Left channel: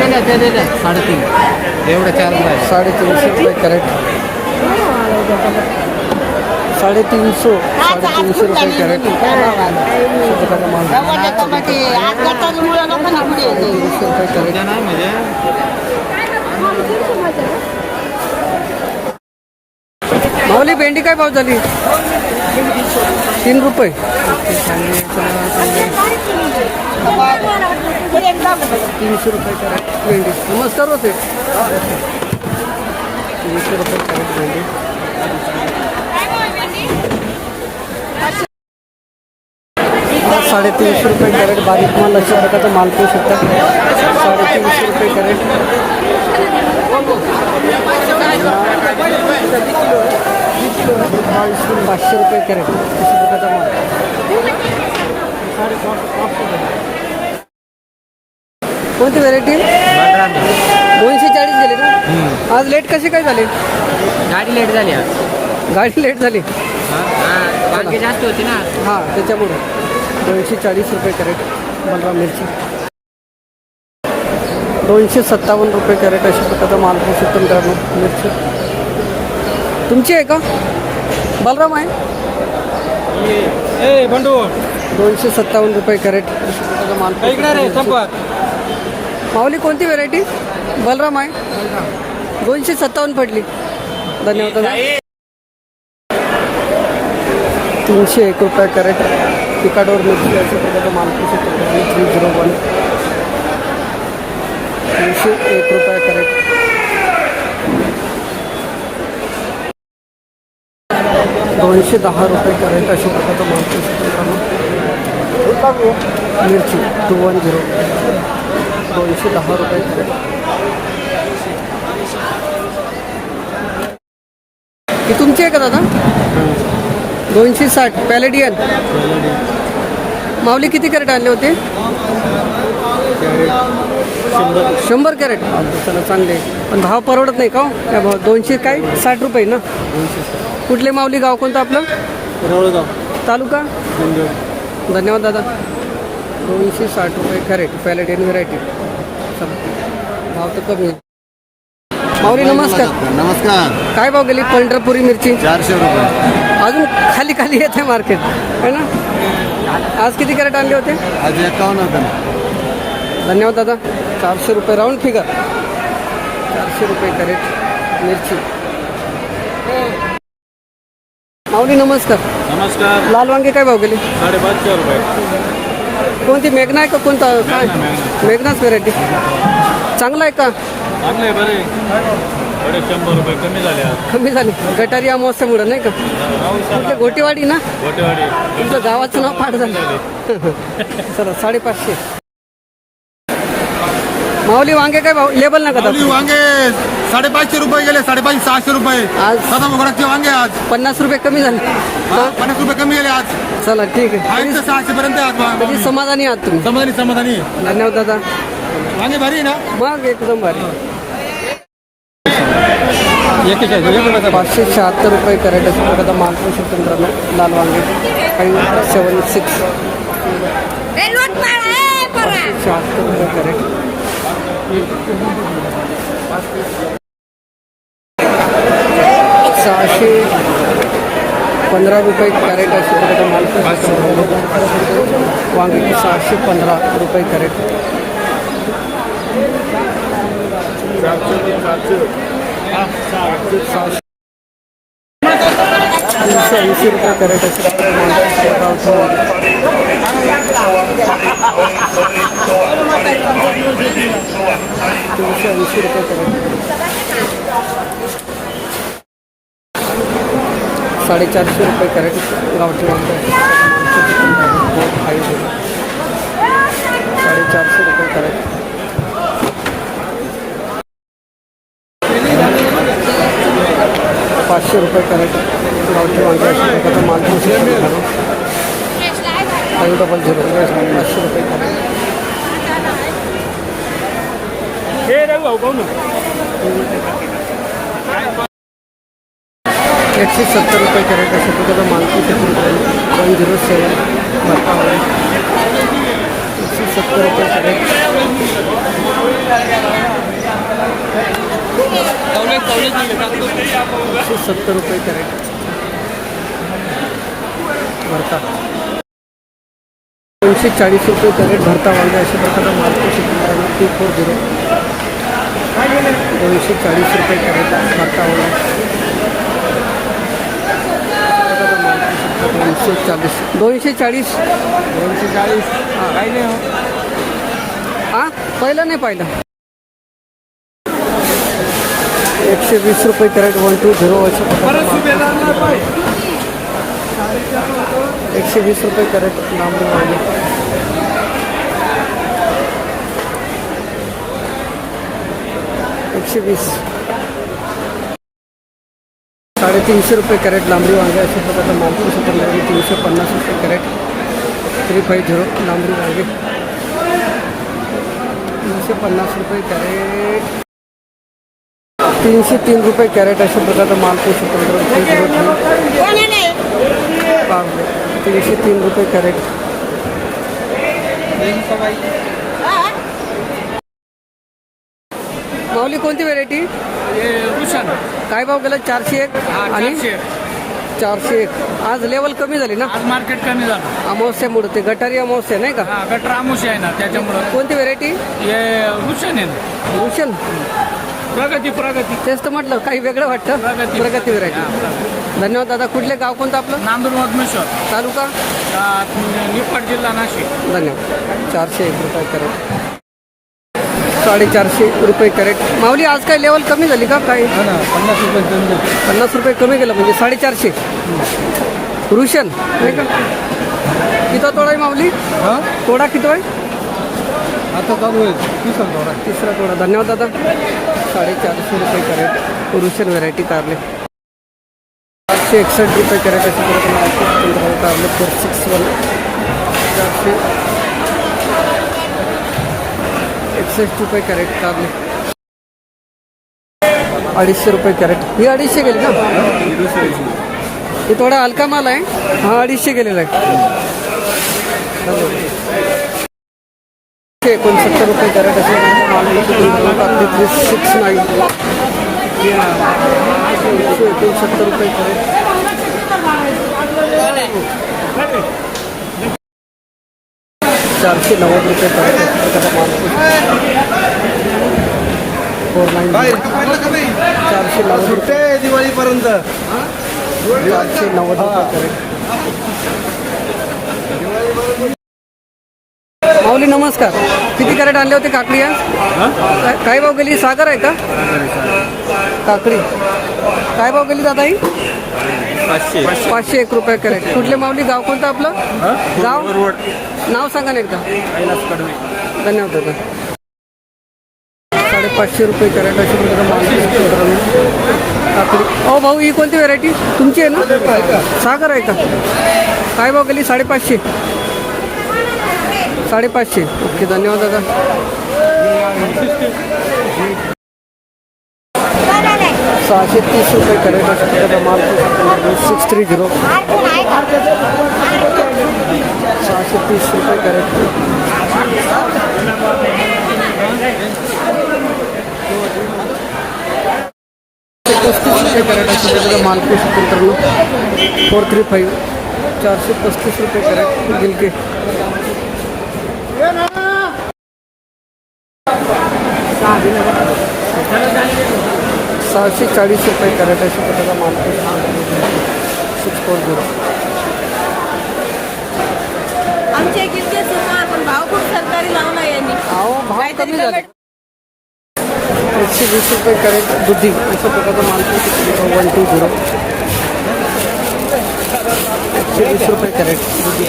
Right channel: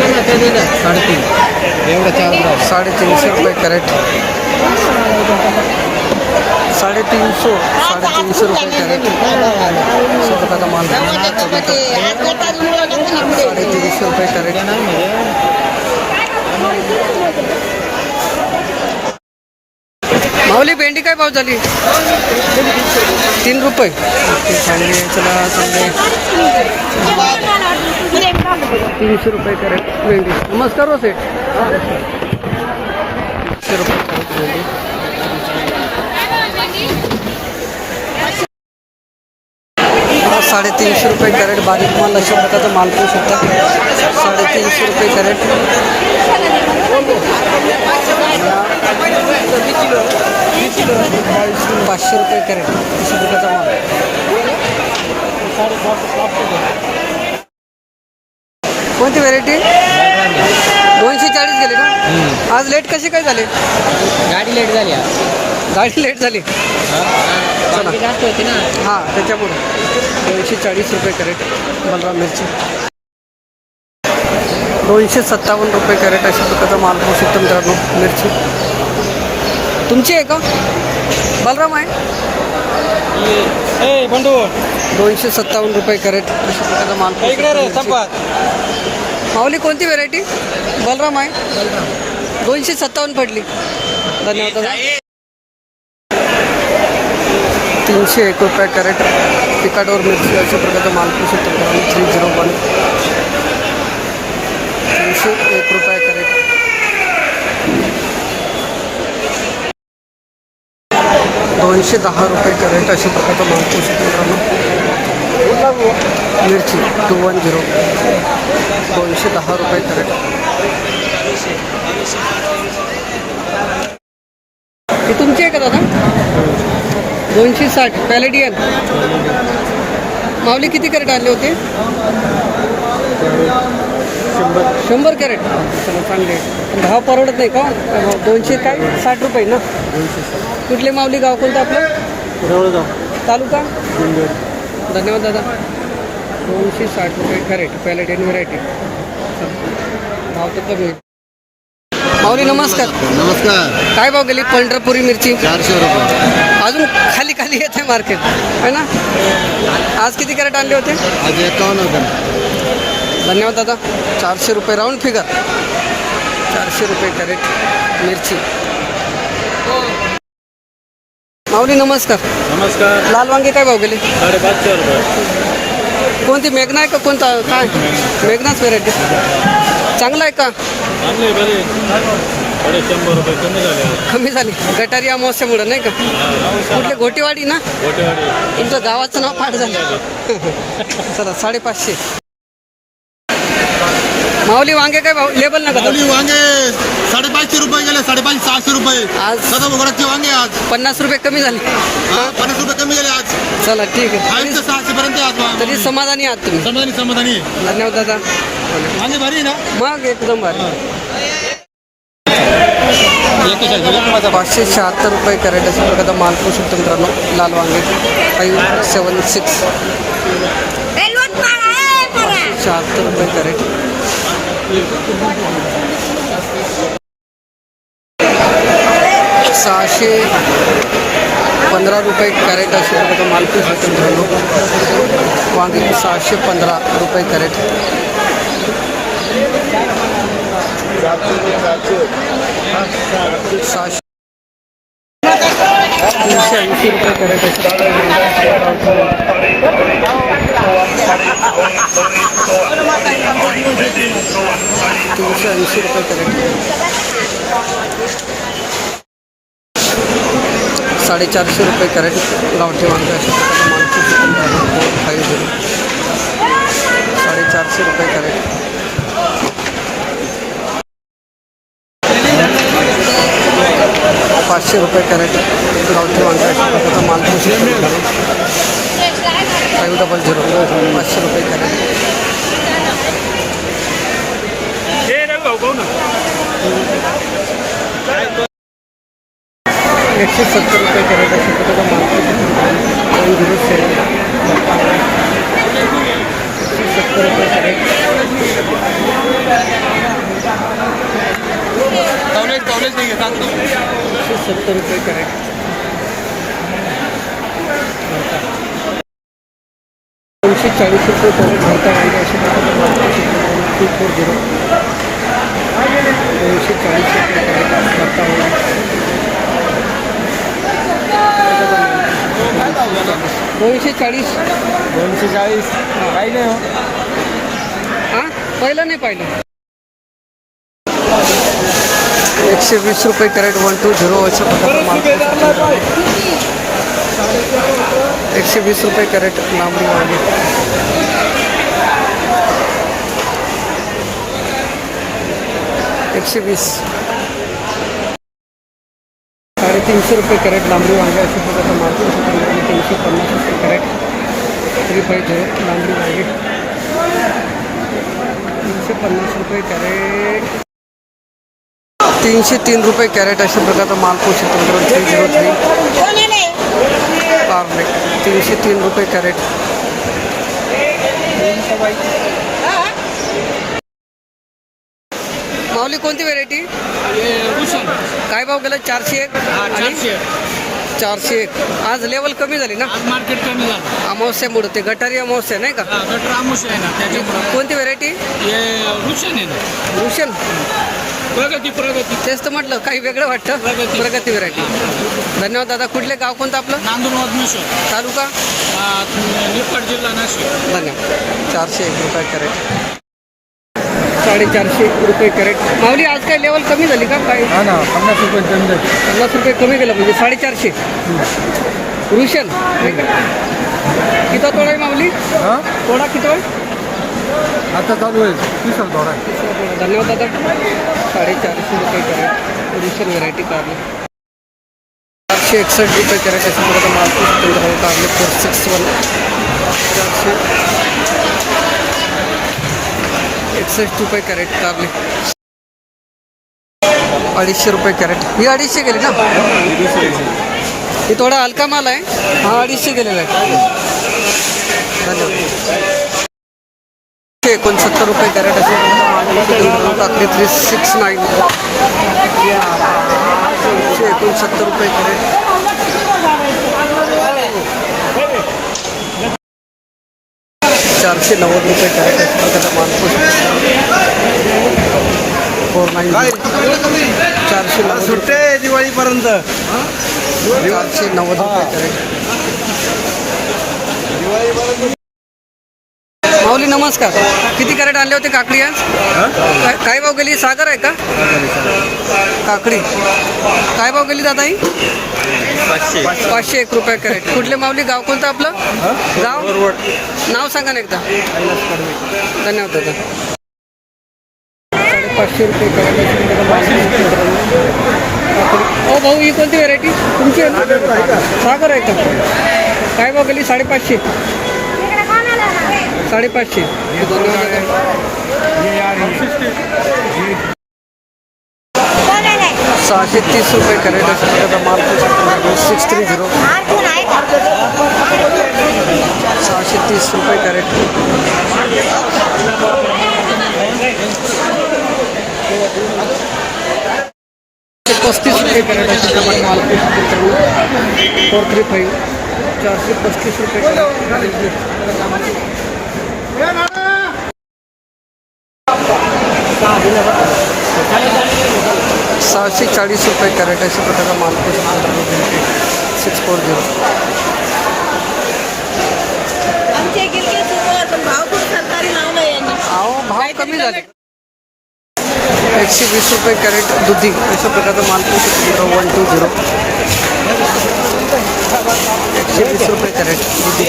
साडेतीन एवढं 4 350 रुपये कॅरेट. 350 रुपये कॅरेट. स्वतःचा माल. टोमॅटो 350 रुपये कॅरेट. माऊली भेंडी काय भाव झाली? 3 रुपये. ओके चांगली आहे. चला चांगले 300 रुपये कॅरेट भेंडी. नमस्कार हो सेठ. 300 रुपये कॅरेट भेंडी. 350 रुपये कॅरेट. बारीक माल अशा प्रकारचा माल पाहू शकता. 350 रुपये कॅरेट. 500 रुपये कॅरेट अशा प्रकारचा माल. कोणती व्हेरायटी? 240 गेले का? आज लेट कसे काय झाले? गाडी लेट झाली आज. गाडी लेट झाली जास्त होती ना. हां त्याच्यामुळे 240 रुपये कॅरेट. बलराम मिरची 257 रुपये कॅरेट अशा प्रकारचा माल पाहू शकतो मित्रांनो. मिरची तुमची आहे का? बलराम आहे. 257 रुपये कॅरेट अशा प्रकारचा माल पाहू शकतो. माऊली कोणती व्हेरायटी? बलराम आहे. 257 पडली. धन्यवाद दादा. 301 रुपये कॅरेट. पिकाडोर मिरची अशा प्रकारचा माल पाहू शकतो. 301 301 रुपये कॅरेट. 210 रुपये कॅरेट अशा प्रकारचा माल पाहू शकतो मित्रांनो. मिरची 210 210 रुपये कॅरेट. ही तुमची आहे का दादा? 260 पॅलेडियन. माऊली किती कॅरेट आणले होते? 100 कॅरेट. चला चांगले. पण भाव परवडत नाही का? 200 काय 60 रुपये ना. कुठले माऊली? गाव कोणतं आपलं? रोळगाव. तालुका? धन्यवाद दादा. 260 रुपये कॅरेट पॅलेडियन व्हेरायटी. भाव तर कमी आहे. माऊली नमस्कार. नमस्कार. काय भाव गेली पंढरपुरी मिरची? 400 रुपये. अजून खाली खाली येते मार्केट आहे ना. आज किती कॅरेट आणले होते? आज 51 होतं. धन्यवाद दादा. 400 रुपये राऊंड फिगर. 400 रुपये कॅरेट मिरची. माऊली नमस्कार. नमस्कार. लाल वांगे काय भाव गेले? 550 रुपये. कोणती मेघना आहे का कोणता? काय मेघनाच व्हेरायटी. चांगला आहे का? चांगले बरे 100 रुपये कमी झाले आज. कमी झाली. गटारी अमावस्यामुळं नाही का? कुठले? घोटेवाडी ना. तुमचं गावाचं नाव पाठ झालं. चला 550. माऊली वांगे काय भाव? लेबल नाही का? वांगे 550 रुपये गेले. 550 600 रुपये आज सदा भोगडाचे वांगे आज 50 रुपये कमी झाले. 50 रुपये कमी गेले आज. चला ठीक आहे. 600 पर्यंत आज. तरी समाधानी आहात तुम्ही? समाधानी. धन्यवाद दादा. वांगे भारी ना. मग एकदम भारी. 576 रुपये कॅरेट अशा प्रकारचा माल पाहू शकतो मित्रांनो. लाल वांगे 576. 576 रुपये कॅरेट. 615 रुपये कॅरेट अशा प्रकारचा माल पाहू शकतो मित्रांनो. वांगे 615 रुपये कॅरेट. 380 रुपये कॅरेट अशा प्रकारे माल 380 रुपये कॅरेट. 450 रुपये कॅरेट गावठी वांगे अशा प्रकारे माल 450 450 रुपये कॅरेट. 500 रुपये कॅरेट गावठी वांगे अशा प्रकारचा माल 500 रुपये कॅरेट. 170 रुपये कॅरेट अशा प्रकारचा माल 107 170 रुपये कॅरेट. 70 रुपये कॅरेट. भरता 240 रुपये कॅरेट भरता वांगे अशा प्रकारे मार्केट 240. 240 रुपये कॅरेट भरता वांगे. 240 हां पहिलं नाही पाहिलं. 120 रुपये कॅरेट 120 अशा प्रकारे मार्केट. 120 रुपये कॅरेट लांबडी वांगे. 120. 350 रुपये कॅरेट लांबडी वांगे अशा प्रकारचा मार्केट. 350 रुपये कॅरेट 350 लांबडी वांगे. 350 रुपये कॅरेट. 303 रुपये कॅरेट अशा प्रकारचा माल पोषक तंत्र 303. पार्ले 303 रुपये कॅरेट. माऊली कोणती व्हेरायटी? काय भाव गेला? 401 आणि 401. आज लेवल कमी झाली ना, मार्केट कमी झालं. अमावस्यामुळे ते गटारी अमावस्या नाही का? गटर आमुष आहे ना त्याची. कोणती व्हेरायटी? हे रुशन आहे ना. भूषण प्रगती तेच तर म्हटलं, काही वेगळं वाटतं. प्रगती व्हेरायटी. धन्यवाद दादा. कुठले गाव कोणतं आपलं? नांदूर मधमेश्वर तालुका निफाड जिल्हा नाशिक. धन्यवाद. 401 रुपये कॅरेट. 450 रुपये कॅरेट. माऊली आज काय लेवल कमी झाली का? काय 50 रुपये कमी. 50 रुपये कमी केलं म्हणजे 450. रुशन नाही का? किती तोडा आहे माऊली? हां तोडा किती आहे? आता चालू आहे तिसरा थोडा. तिसरा तोडा. धन्यवाद दादा. 450 रुपये कॅरेट रुशन व्हेरायटी कारले. 461 रुपये कॅरेट अशा प्रकारचा मार्केट केंद्रावर कारले 461. 461 रुपये कॅरेट कारले. 250 रुपये कॅरेट. ही 250 गेली ना? ही थोडा हलका माल आहे. हा 250 गेलेला आहे. धन्यवाद. 69 रुपये कॅरेट असे माल काकडी 369. 69 रुपये कॅरेट. 490 रुपये कॅरेट अशा प्रकारचा माल 490. 490 रुपये दिवाळीपर्यंत. 490 रुपये कॅरेट. माऊली नमस्कार. किती कॅरेट आणले होते काकडी आज? काय भाव गेली? सागर आहे का काकडी? काय भाव गेली दादा ही? 501 रुपये कॅरेट. कुठले माऊली? गाव कोणतं आपलं? गाव नाव सांगा ना एकदा. धन्यवाद दादा. 550 रुपये कॅरेट अशी काकडी. हो भाऊ, ही कोणती व्हेरायटी तुमची आहे ना? सागर आहे का? काय भाव गेली? 550. 550. धन्यवाद दादा. 630 रुपये कॅरेट अशा प्रकारचा माल 630. 630 रुपये कॅरेट. 35 रुपये कॅरेट अशा प्रकारचा माल 435. 435 रुपये कॅरेट. 640 रुपये कॅरेट अशा प्रकारचा माल 640. भाव कमी झाले. 120 रुपये कॅरेट दुधी अशा प्रकारचा माल 120. 120 रुपये कॅरेट दुधी.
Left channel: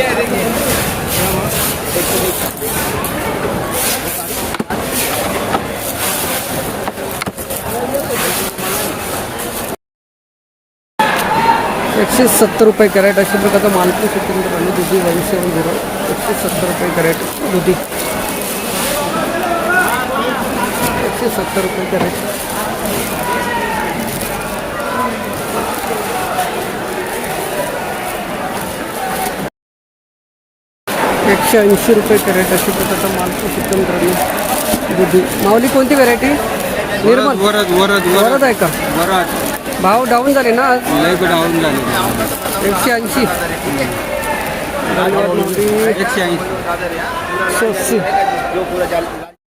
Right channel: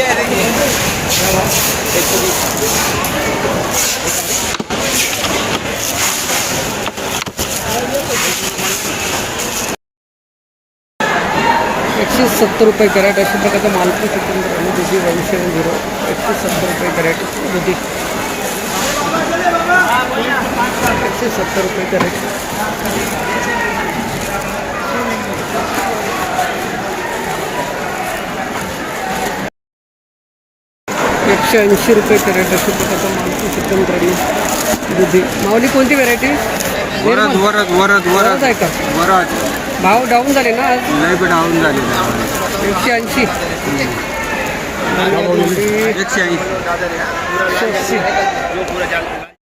170 रुपये कॅरेट अशा प्रकारचा मालपूर सिकंदर आणि दुधी 170. 170 रुपये कॅरेट दुधी. 170 रुपये कॅरेट. 180 रुपये कॅरेट अशा प्रकारचा मालपूर सिकंदर आणि दुधी. माऊली कोणती व्हेरायटी? वरद वरद आहे का? वरद भाव डाऊन झाले ना आज लय डाऊन झाले 180. धन्यवाद माऊली. 180. 180.